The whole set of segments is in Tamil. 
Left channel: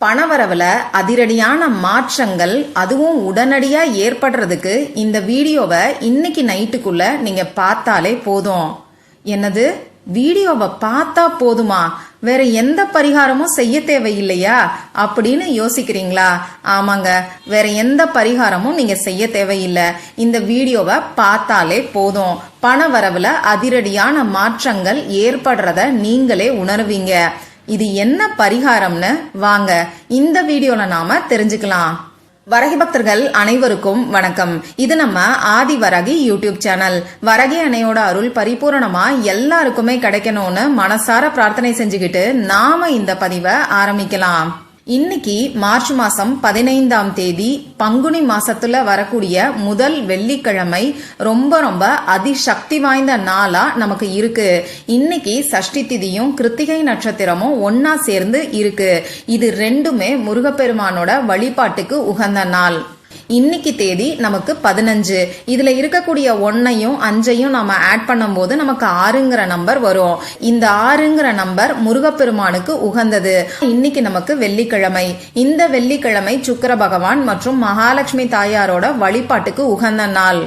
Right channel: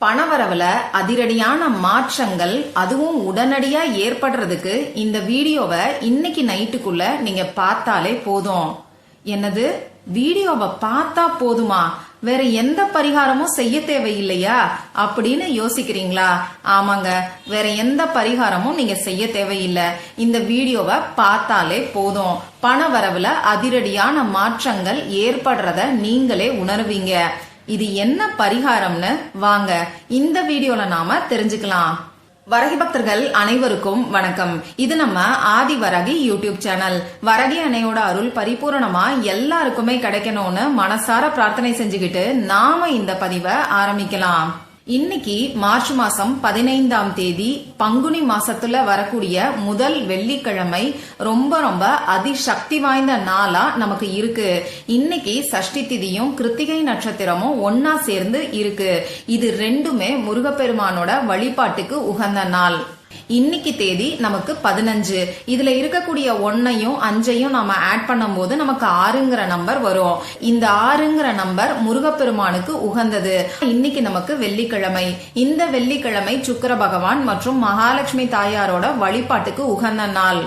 பணவரவுல அதிரடியான மாற்றங்கள் அதுவும் உடனடியா ஏற்படுறதுக்கு இந்த வீடியோவை இன்னைக்கு நைட்டுக்குள்ள நீங்க பார்த்தாலே போதும். என்னது, வீடியோவை பார்த்தா போதுமா, வேற எந்த பரிகாரமும் செய்ய தேவையில்லையா அப்படின்னு யோசிக்கிறீங்களா? ஆமாங்க, வேற எந்த பரிகாரமும் நீங்க செய்ய தேவையில்லை. இந்த வீடியோவை பார்த்தாலே போதும். பணவரவுல அதிரடியான மாற்றங்கள் ஏற்படுறத நீங்களே உணர்வீங்க. இது என்ன பரிகாரம்னு வாங்க இந்த வீடியோல நாம தெரிஞ்சுக்கலாம். வரகி பக்தர்கள் அனைவருக்கும் வணக்கம். இது நம்ம ஆதி வரகி யூடியூப் சேனல். வரகி அன்னையோட அருள் பரிபூரணமா எல்லாருக்குமே கிடைக்கணும்னு மனசார பிரார்த்தனை செஞ்சுக்கிட்டு நாம இந்த பதிவை ஆரம்பிக்கலாம். இன்னைக்கு மார்ச் மாசம் 15ஆம் தேதி பங்குனி மாசத்துல வரக்கூடிய முதல் வெள்ளிக்கிழமை. ரொம்ப ரொம்ப அதிசக்தி வாய்ந்த நாளா நமக்கு இருக்கு. இன்னைக்கு சஷ்டி திதியும் கிருத்திகை நட்சத்திரமும் ஒன்னா சேர்ந்து இருக்கு. இது ரெண்டுமே முருகப்பெருமானோட வழிபாட்டுக்கு உகந்த நாள். இன்னைக்கு தேதி நமக்கு 15. இதுல இருக்கக்கூடிய 1ஐயும் 5ஐயும் நாம ஆட் பண்ணும் போது நமக்கு 6ங்கிற நம்பர் வரும். இந்த 6ங்கிற நம்பர் முருகப்பெருமானுக்கு உகந்தது. இன்னைக்கு நமக்கு வெள்ளிக்கிழமை. இந்த வெள்ளிக்கிழமை சுக்கிர பகவான் மற்றும் மகாலட்சுமி தாயாரோட வழிபாட்டுக்கு உகந்த நாள்.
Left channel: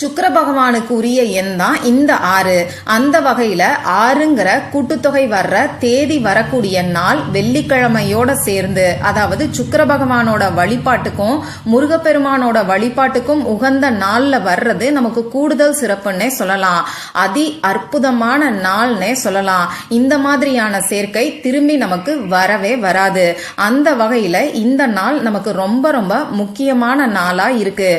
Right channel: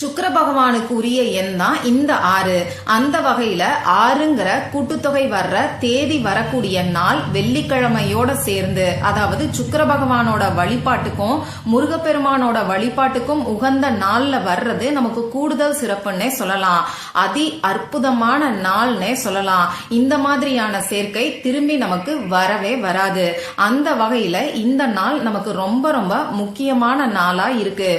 சுக்கிர பகவானுக்கு உரிய எண் தான் இந்த 6. அந்த வகையில 6ங்கிற கூட்டுத்தொகை வர்ற தேதி வரக்கூடிய நாள் வெள்ளிக்கிழமையோட சேர்ந்து, அதாவது சுக்கிர பகவானோட வழிபாட்டுக்கும் முருகப்பெருமானோட வழிபாட்டுக்கும் உகந்த நாள்ல வர்றது நமக்கு கூடுதல் சிறப்புன்னே சொல்லலாம். அதி அற்புதமான நாள்னே சொல்லலாம். இந்த மாதிரியான சேர்க்கை திரும்பி நமக்கு வரவே வராது. அந்த வகையில இந்த நாள் நமக்கு ரொம்ப ரொம்ப முக்கியமான நாளா இருக்கு.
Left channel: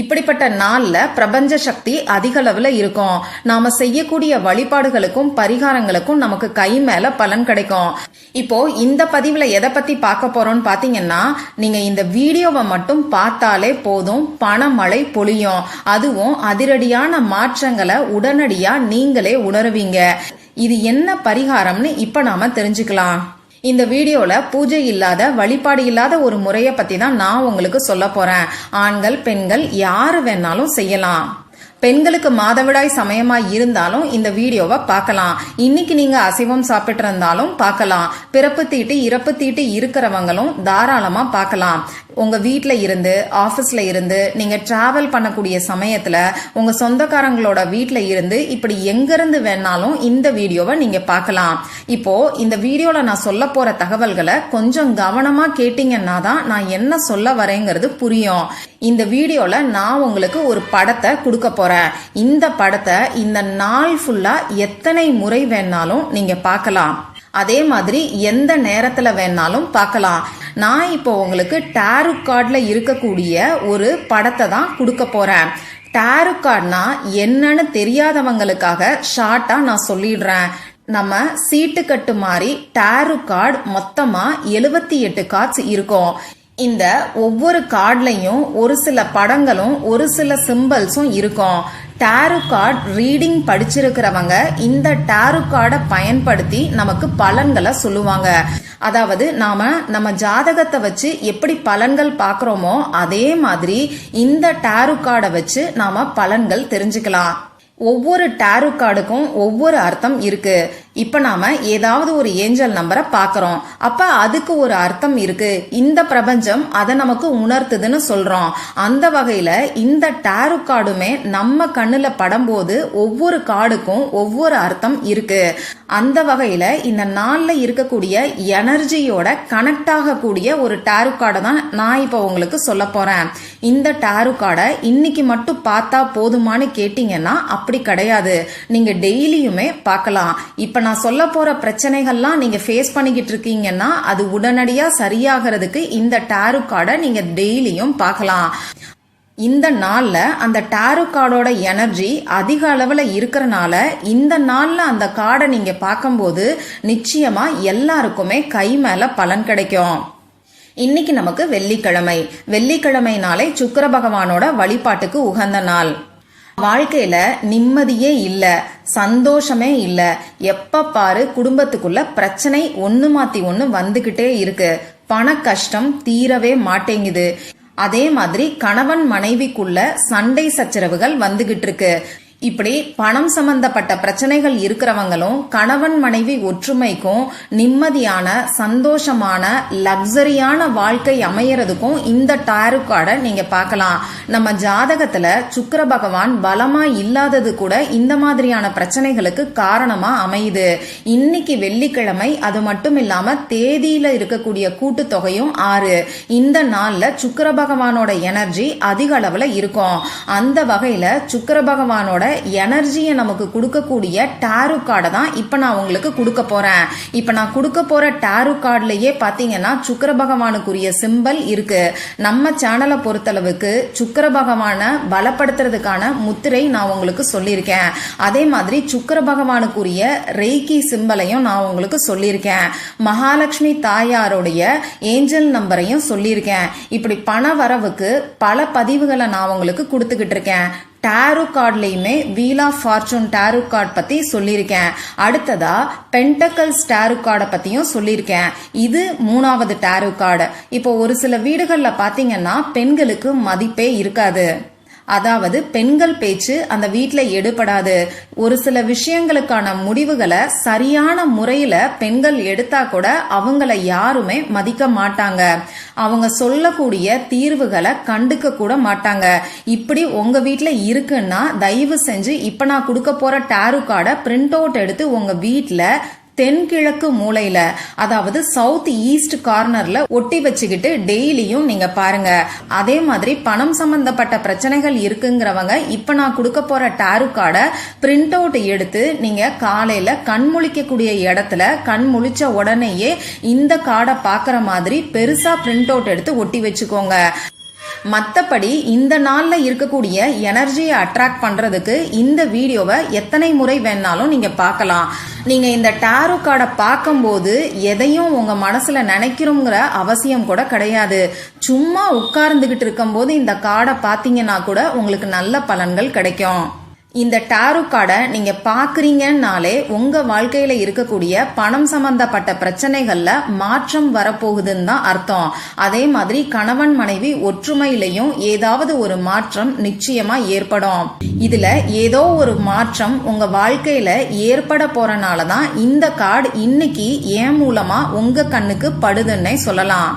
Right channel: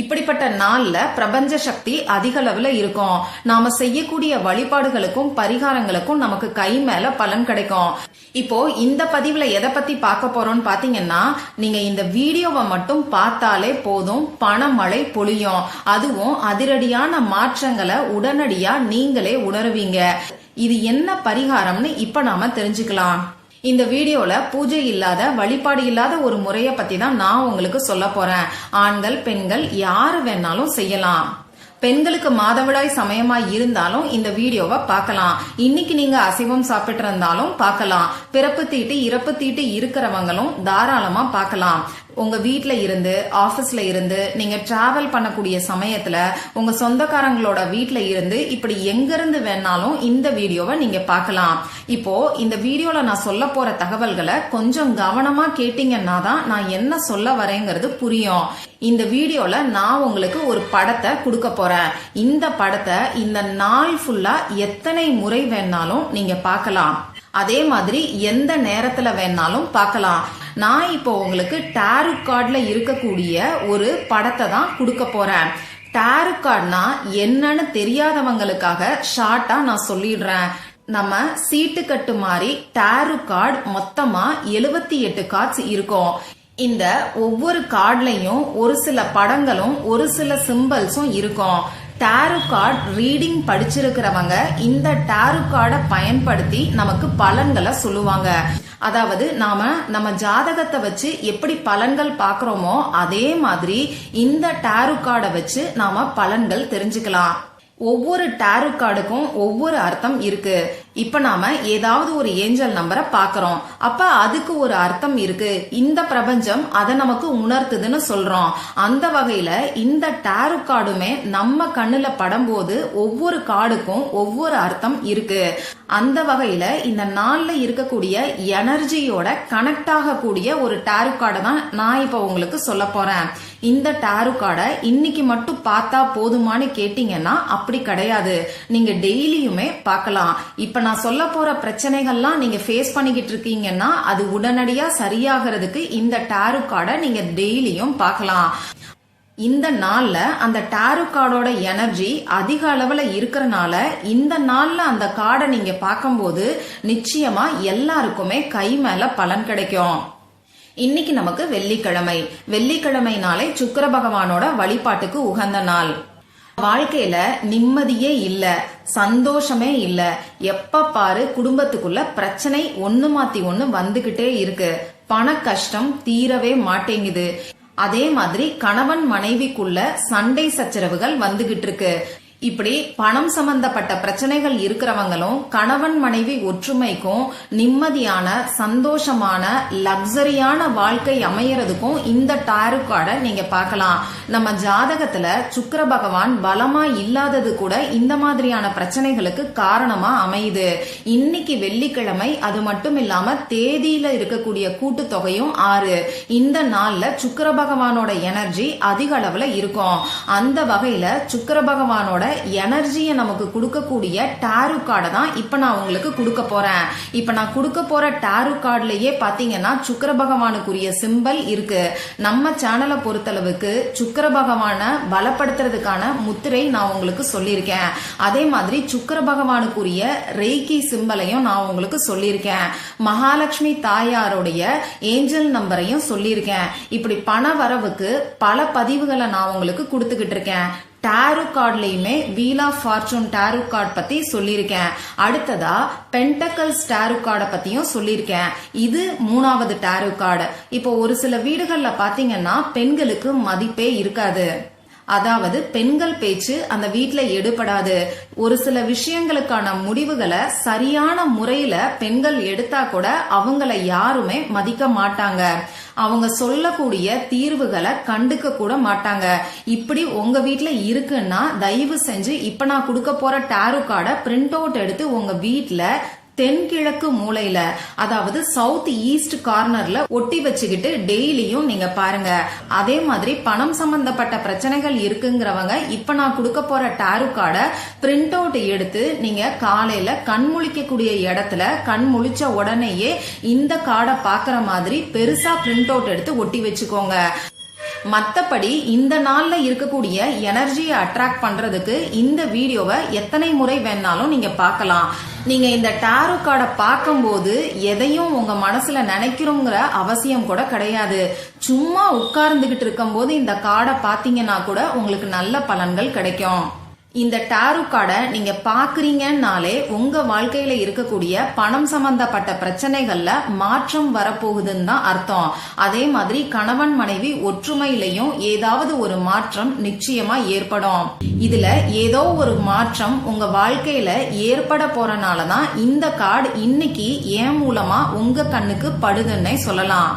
இப்படிப்பட்ட நாள்ல பிரபஞ்ச சக்தி அதிக அளவுல இருக்கும். நாம செய்யக்கூடிய வழிபாடுகளுக்கும் பரிகாரங்களுக்கும் நமக்கு கை மேல பலன் கிடைக்கும். இப்போ இந்த பதிவுல எதை பத்தி பார்க்க போறோம்னு பாத்தீங்கன்னா, நீங்க இந்த வீடியோவை மட்டும் பார்த்தாலே போதும், பணமழை பொழியும். அதுவும் அதிரடியான மாற்றங்களை உடனடியா நீங்களே உணருவீங்க. இது என்ன பரிகாரம்னு இப்ப நாம தெரிஞ்சுக்கலாம். இந்த வீடியோல பூஜை இல்லாத, வழிபாடு இல்லாத ஒரு முறைய பத்தி தான் நான் உங்களுக்கு சொல்ல போறேன். ஆண்கள் பெண்கள் யாரு வேணாலும் செய்யலாம். பெண்களுக்கு மாதவிடாய் சமயமா இருந்தாலும் இந்த வீடியோவை பார்க்கலாம். இன்னைக்கு நீங்க அசைவம் சாப்பிட்டு இருந்தாலும் பார்க்கலாம். பிறப்பு தீட்டு இறப்பு தீட்டு இருக்கிறவங்களும் தாராளமா பார்க்கலாம். உங்க வீட்ல இருந்து, ஆபீஸ்ல இருந்து, நீங்க டிராவல் பண்ணக்கூடிய சமயத்துல, உங்க சொந்தக்காரங்களோட வீட்ல இருந்து, இப்படி எங்க இருந்து வேணாலும் இந்த வீடியோவை நீங்க பார்க்கலாம். இப்போ இந்த வீடியோல நான் சொல்ல போற தகவல்களை கொஞ்சம் கவனமா கேட்டீங்கன்னா தான் நான் என்ன சொல்ல வரேங்கிறது புரியும். இந்த வீடியோல நான் உங்களுக்கு ஒரு படத்தை கொடுக்க போறேன். இந்த படத்தை இந்த நாள் ஃபுல்லா எத்தனை முறை வேணாலும் நீங்க பார்க்கலாம். அதே மாதிரி எந்த நேரத்துல வேணாலும் பார்க்கலாம். நான் இப்போ உங்களுக்கு டாரோ கார்டுல இருக்கக்கூடிய ஒரு படத்தை தான் கொடுக்க போறேன். டாரோ கார்டுனா என்னன்னு தெரியாதவங்களுக்காக ஷார்ட்டா நான் சொல்லிடுறேன். நம்ம சீட்டு கட்டு மாதிரி டாரோ கார்டு மொத்தமா 78 கார்ட்ஸ் இருக்கும். இந்த ஒவ்வொரு கார்டுலயும் ஒரு சில படங்களும் ஒரு சில சிம்பல்ஸும் இருக்கும். டாரோ கார்டு ரீடிங் படிச்சிருக்கிறவங்க இந்த டாரோ கார்டை பயன்படுத்தி நமக்கு பலன்களை சொல்லுவாங்க. அதாவது நம்ம ஜாதகத்தை வச்சு எப்படி பலன்கள் பாக்குறோமோ அதே மாதிரி இந்த டாரோ கார்டை வச்சு நாம பலன்கள் தெரிஞ்சுக்கலாம். ஒவ்வொரு டாரோ கார்டுக்கும் ஒவ்வொரு அர்த்தம் இருக்கு. இப்ப நாம ஏதாவது ஒரு ஏஞ்சல் நம்பரை பாக்குறோம், அப்ப அதுக்கு ஒரு அர்த்தம் இருக்கு. இந்த பிரபஞ்சம் அதை நமக்கு உணர்த்துதுன்னு சொல்றோம். அந்த வகையில இந்த டாரோ கார்டுமே நம்ம கண்ணுல படும்போது ஒவ்வொரு கார்டுக்கும் ஒவ்வொரு அர்த்தம் இருக்கு. அந்த வகையில இந்த நாள்ல இருக்கக்கூடிய எனர்ஜியோட கனெக்ட் ஆகக்கூடிய ஒரு டாரோ கார்டை தான் நான் இப்ப உங்களுக்கு சொல்ல போறேன். இந்த டாரோ கார்டை இன்னைக்கு மட்டும் பார்த்தா போதுமானு கேட்டீங்கன்னா அப்படி கிடையாது. நீங்க டெய்லியுமே பார்க்கலாம். இப்ப நான் சொல்ல போற பிரச்சனைகள்லாம் நீங்க ஃபேஸ் பண்ணிக்கிட்டு இருக்கீங்கன்னா அது உடனடியா சரியாகிறதுக்கு இந்த டாரோ கார்டை நீங்க டெய்லியும் பார்க்கலாம். இந்த நாள்ல அந்த டாரோ கார்டோட எனர்ஜி அதிக அளவுல இருக்கறனால இந்த நாள்ல அந்த கார்டை நீங்க பார்க்கும்போது நிச்சயமா எல்லாருக்குமே கை மேல பலன் கிடைக்கும். இன்னைக்கு நமக்கு வெள்ளிக்கிழமை. வெள்ளிக்கிழமைனாலே சுக்கிர பகவானோட வழிபாட்டுக்கு உகந்த நாள். வாழ்க்கையில நிம்மதியே இல்ல, சந்தோஷமே இல்ல, எப்ப பாரு குடும்பத்துக்குள்ள பிரச்சனை ஒண்ணு மாத்தி ஒண்ணு வந்துகிட்டே இருக்கு. பண கஷ்டம் தீரவே மாட்டேங்குது. அதே மாதிரி கணவன் மனைவிக்குள்ள சண்டை சச்சரவுகள் வந்துகிட்டு இருக்கு. இப்படி பணம் சம்பந்தப்பட்ட பிரச்சனைகள் இருக்கிறவங்களும் கணவன் மனைவி ஒற்றுமைக்கும் நிம்மதியான சந்தோஷமான லக்ஸரியான வாழ்க்கை அமையறதுக்கும் இந்த டாரோ கார்டை நீங்க பார்க்கலாம். நம்ம ஜாதகத்துல சுக்கிர பகவான் பலமா இல்லாதது கூட இந்த மாதிரியான பிரச்சனைகளுக்கு காரணமா அமையுது. இன்னைக்கு வெள்ளிக்கிழமை, அது மட்டும் இல்லாம தேதியில இருக்கக்கூடிய கூட்டுத்தொகையும் 6. இந்த நாள்ல சுக்கிர பகவானோட எனர்ஜி அதிக அளவுல இருக்கும். அந்த வகையில சுக்கிர பகவானோட எனர்ஜியை நமக்கு கொடுக்கக்கூடிய டாரோ கார்டை தான் இப்ப நான் உங்களுக்கு கொடுக்க போறேன். இப்ப நான் கொடுக்க போற டாரோ கார்டுலயே பாத்தீங்கன்னா சுக்கிர பகவானுக்குரிய சிம்பல் இருக்கு. நம்ம சேனலை பொறுத்தளவுக்கு சுக்கிர பகவான பலப்படுத்துறதுக்கான முத்திரை நான் உங்களுக்கு சொல்லியிருக்கேன். அதே மாதிரி சுக்கிர பகவானுக்குரிய ரெய்கி சிம்பலையும் நான் உங்களுக்கு சொல்லியிருக்கேன். மகாலட்சுமி தாயாருடைய ஏஞ்சல் நம்பரையும் சொல்லியிருக்கேன். இப்படி பண வரவுக்கு பல பதிவுகளை நான் உங்களுக்கு கொடுத்துக்கிட்டு இருக்கேன். டாரோ கார்ட்லயுமே wheel of fortune tarot card பத்தி சொல்லியிருக்கேன். அடுத்ததா பென்டக்கல்ஸ் டாரோ கார்டை பத்தியும் சொல்லியிருக்கேன். இது 3வது டாரோ கார்டு. இப்போ ஒரு சில வீடுகள்ல பாத்தீங்கன்னா பெண்களுக்கு மதிப்பே இருக்காது. அதாவது பெண்கள் பேச்சு அந்த வீட்டுல எடுபடாது. ஒரு சில விஷயங்களுக்கான முடிவுகளை சரியான முறையில பெண்கள் எடுத்தா கூட அவங்கள யாருமே மதிக்க மாட்டாங்க. அவங்க சொல்லக்கூடிய தீர்வுகளை கண்டுக்க கூட மாட்டாங்க. இப்படி உங்க வீட்டுல இருக்குன்னா தயவு செஞ்சு இப்ப நான் கொடுக்க போற டாரோ கார்டை பிரிண்ட் அவுட் எடுத்து உங்க வீட்டுல தென்கிழக்கு மூலையில, அதாவது சவுத் ஈஸ்ட் கார்னர்ல ஒட்டி வச்சுக்கிட்டு டெய்லியும் நீங்க பாருங்க. அதே மாதிரி பணம் சம்பந்தப்பட்ட பிரச்சனைகள் இருக்குங்கிறவங்க இப்ப நான் கொடுக்க போற டாரோ கார்டை பிரிண்ட் அவுட் எடுத்து நீங்க காலையில கண் முழிக்கக்கூடிய இடத்துல கண் முழிச்ச உடனேயே இந்த கார்டை பாக்குற மாதிரி பெருசா பிரிண்ட் அவுட் எடுத்து ஒட்டி வச்சுக்கோங்க. மத்தபடி இந்த நாள்ல இருக்கக்கூடிய எனர்ஜியை அட்ராக்ட் பண்றதுக்கு இந்த வீடியோவை எத்தனை முறை வேணாலும் நீங்க பார்க்கலாம். நீங்க இந்த டாரோ கார்டை பார்க்கும்போது எதையும் உங்க மனசுல நினைக்கிறோங்கிற அவசியம் கூட கிடையாது. சும்மா உட்கார்ந்துகிட்டு இருக்கும் போது இந்த கார்டை பாத்தீங்கன்னா கூட உங்களுக்கு நல்ல பலன்கள் கிடைக்கும். இந்த டாரோ கார்டை நீங்க பாக்குறீங்கன்னாலே உங்க வாழ்க்கையில இருக்கக்கூடிய பணம் சம்பந்தப்பட்ட பிரச்சனைகள்ல மாற்றம் வரப்போகுதுன்னு தான் அர்த்தம். அதே மாதிரி கணவன் மனைவி ஒற்றுமையிலையும் ஏதாவது ஒரு மாற்றம் நிச்சயமா ஏற்படும். இதுல ஏதோ ஒரு மாற்றம் உங்க வாழ்க்கையில ஏற்பட போறனாலதான் இந்த கார்டு இன்னைக்கு என் மூலமா உங்க கண்ணுக்கு படுதுன்னே சொல்லலாம்.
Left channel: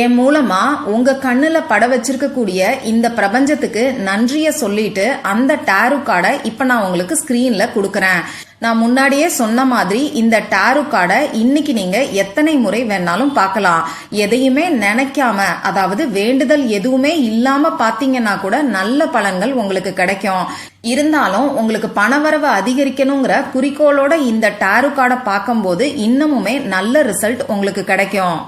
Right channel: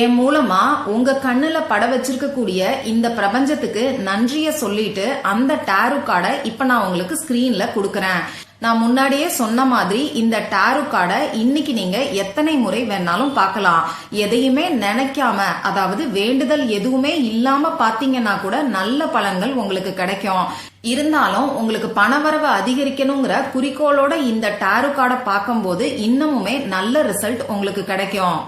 என் மூலமா உங்க கண்ணுல பட வச்சிருக்கக்கூடிய இந்த பிரபஞ்சத்துக்கு நன்றிய சொல்லிட்டு அந்த டாரோ கார்டை இப்ப நான் உங்களுக்கு ஸ்கிரீன்ல கொடுக்கறேன். நான் முன்னாடியே சொன்ன மாதிரி இந்த டாரோ கார்டை இன்னைக்கு நீங்க எத்தனை முறை வேணாலும் பார்க்கலாம். எதையுமே நினைக்காம, அதாவது வேண்டுதல் எதுவுமே இல்லாம பாத்தீங்கன்னா கூட நல்ல பலன்கள் உங்களுக்கு கிடைக்கும். இருந்தாலும் உங்களுக்கு பணவரவு அதிகரிக்கணுங்கிற குறிக்கோளோட இந்த டாரோ கார்டை பார்க்கும்போது இன்னமுமே நல்ல ரிசல்ட் உங்களுக்கு கிடைக்கும்.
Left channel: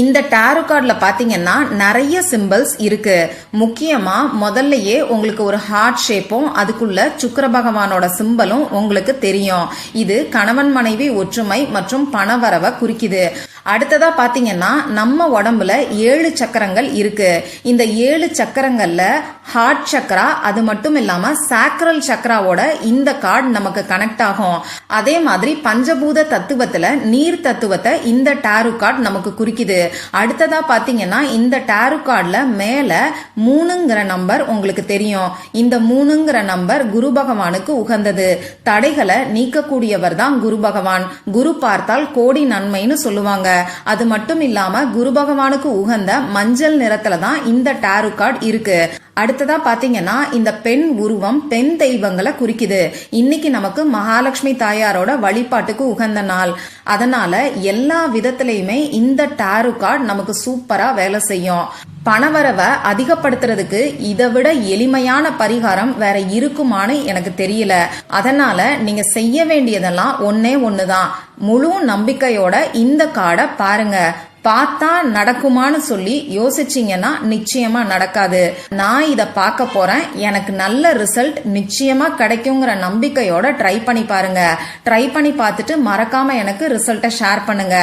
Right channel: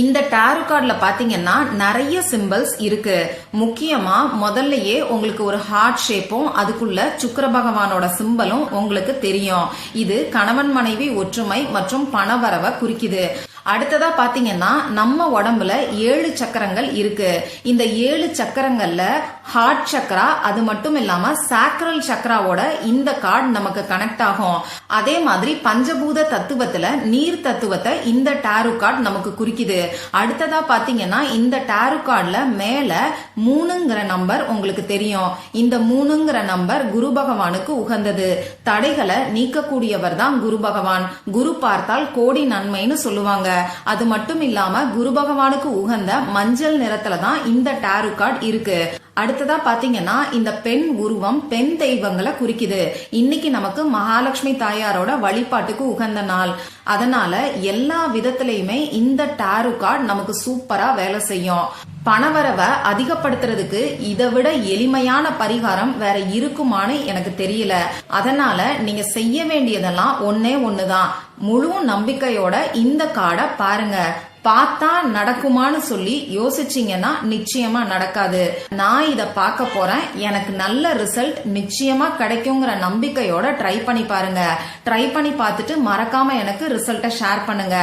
இந்த டாரோ கார்டுல பாத்தீங்கன்னா நிறைய சிம்பிள்ஸ் இருக்கு. முக்கியமா முதல்லயே உங்களுக்கு ஒரு ஹார்ட் ஷேப்பும் அதுக்குள்ள சுக்கிர பகவானோட சிம்பலும் உங்களுக்கு தெரியும். இது கணவன் மனைவி ஒற்றுமை மற்றும் பணவரவை குறிக்குது. அடுத்ததா பாத்தீங்கன்னா நம்ம உடம்புல 7 சக்கரங்கள் இருக்கு. இந்த 7 சக்கரங்கள்ல ஹார்ட் சக்கரா, அது மட்டும் இல்லாம சாக்ரல் சக்கராவோட இந்த கார்டு நமக்கு கனெக்ட் ஆகும். அதே மாதிரி பஞ்சபூத தத்துவத்துல நீர் தத்துவத்தை இந்த டாரோ கார்டு நமக்கு குறிக்குது. அடுத்ததா பாத்தீங்கன்னா இந்த டாரோ கார்டுல மேல 3ங்கிற நம்பர் உங்களுக்கு தெரியும். இந்த 3ங்கிற நம்பர் குரு பகவானுக்கு உகந்தது. தடைகளை நீக்கக்கூடியவர் தான் குரு பகவான். குரு பார்த்தால் கோடி நன்மைன்னு சொல்லுவாங்க. அது மட்டும் இல்லாம குரு பகவானுக்கு உகந்த மஞ்சள் நிறத்துல தான் இந்த டாரோ கார்டு இருக்கு. அடுத்ததா பாத்தீங்கன்னா இந்த பெண் உருவம் பெண் தெய்வங்களை குறிக்குது. இன்னைக்கு நமக்கு மகாலட்சுமி தாயாரோட வழிபாட்டுக்கு உகந்த நாள். அதனால எல்லா விதத்திலயுமே இந்த டாரோ கார்டு நமக்கு சூப்பரா வேலை செய்யும். பணவரவை அதிகப்படுத்துறதுக்கு இதை விட எளிமையான பரிகாரம் வேற இருக்குமான்னு எனக்கு தெரியல. அதனால நீங்க செய்ய வேண்டியதெல்லாம் ஒன்னே ஒண்ணுதான். முழு நம்பிக்கையோட இந்த கார்டை பாருங்க. பார்த்தா நடக்குமான்னு சொல்லி யோசிச்சீங்கன்னா நிச்சயமா நடக்காது. நான் இத பார்க்க போறேன், எனக்கு நல்ல ரிசல்ட் நிச்சயமா கிடைக்குங்கிற நம்பிக்கையோட ட்ரை பண்ணி பாருங்க. ட்ரை பண்ணி பார்த்துட்டு மறக்காம எனக்கு ரிசல்ட்டை ஷேர் பண்ணுங்க.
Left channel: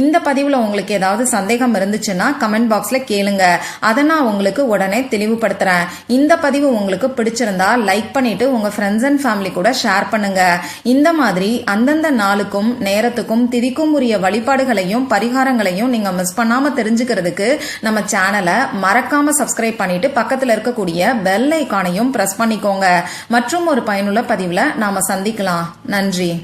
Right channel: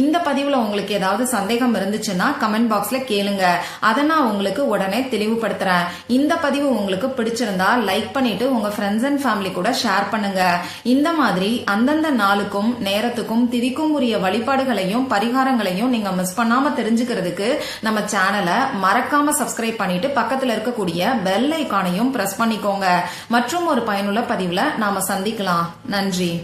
இந்த பதிவுல உங்களுக்கு ஏதாவது சந்தேகம் இருந்துச்சுன்னா கமெண்ட் பாக்ஸ்ல கேளுங்க. அதை நான் உங்களுக்கு உடனே தெளிவுபடுத்துறேன். இந்த பதிவு உங்களுக்கு பிடிச்சிருந்தா லைக் பண்ணிட்டு உங்க ஃப்ரெண்ட்ஸ் அண்ட் ஃபேமிலி கூட ஷேர் பண்ணுங்க. இந்த மாதிரி அந்தந்த நாளுக்கும் நேரத்துக்கும் திதிக்கும் உரிய வழிபாடுகளையும் பரிகாரங்களையும் நீங்க நீங்க மிஸ் பண்ணாம தெரிஞ்சுக்கிறதுக்கு நம்ம சேனலை மறக்காம சப்ஸ்கிரைப் பண்ணிட்டு பக்கத்துல இருக்கக்கூடிய பெல் ஐகானையும் பிரஸ் பண்ணிக்கோங்க. மற்றும் ஒரு பயனுள்ள பதிவுல நாம சந்திக்கலாம். நன்றி.